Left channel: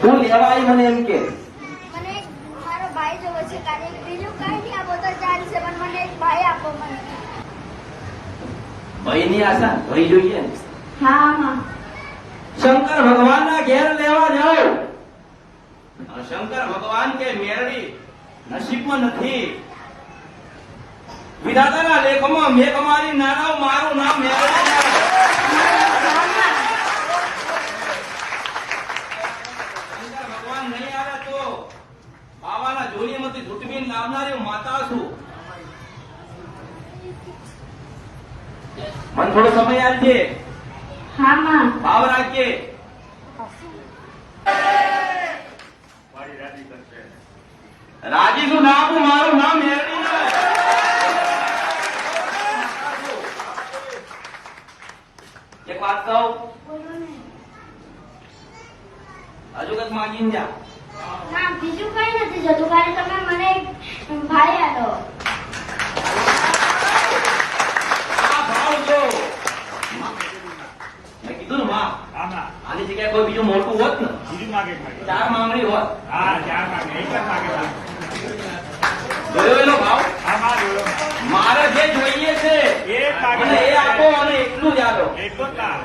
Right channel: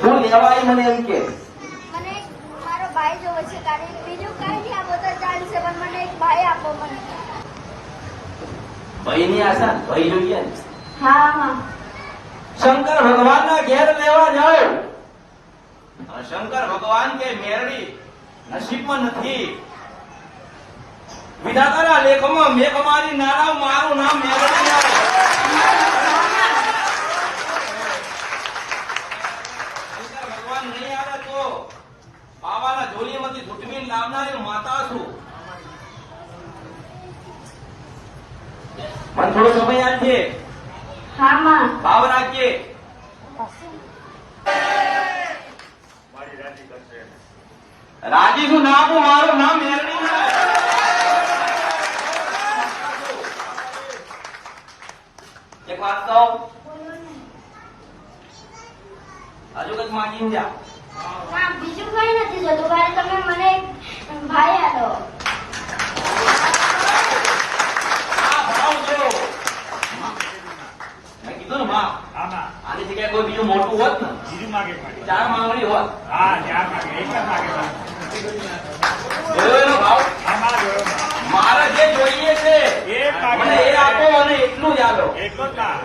તું લેવા આવી મને એમ કે મને મારો ભાઈ જોવે છે કારણ કે બીજું કઈ નહીં આપો તો ચાલશે પણ મને એક ભાઈ આપો મને. ભાઈ ની આશા ભાઈ જોઈએ ને. હા હા શંકર ભગવાન ના ઘેર લેવા જાઓ. શંકર ભગવાન કે મેરડી નસીબમાં નથી. વિધાતાના લેખમાં મેઘ મારી નારાવ મારું નામ મેરડી આવે. શંકર ભગવાન નહીં આવે તો બાવાના જોડીમાંથી જુટમીન નામનારી માતા છું. મને થોડો સમય આપજે. હા માં ભાવ રાખજે. રાજી શું નામ મારું નામ મેરડી આવે. એક વાત કહું હજુ કઈક માગી જા. ના બીજું કઈ નથી જતું ભાઈ તમે મને એક ભાઈ આપો. આ ભાવ જો મેં કીધું ને માં આની જગ્યાએ કોઈ બીજું મોટું હોત ને બીજું માગે માગે. ચાર માંગણી હોત. હા ચાર માગે એક જ માગે માગે. જોયો એનો ભાવ. હા માં જોયો માં. મારે જે જોઈએ છે એક માગે મને એ આપો અને એટલું જ આપો. એક જ ના.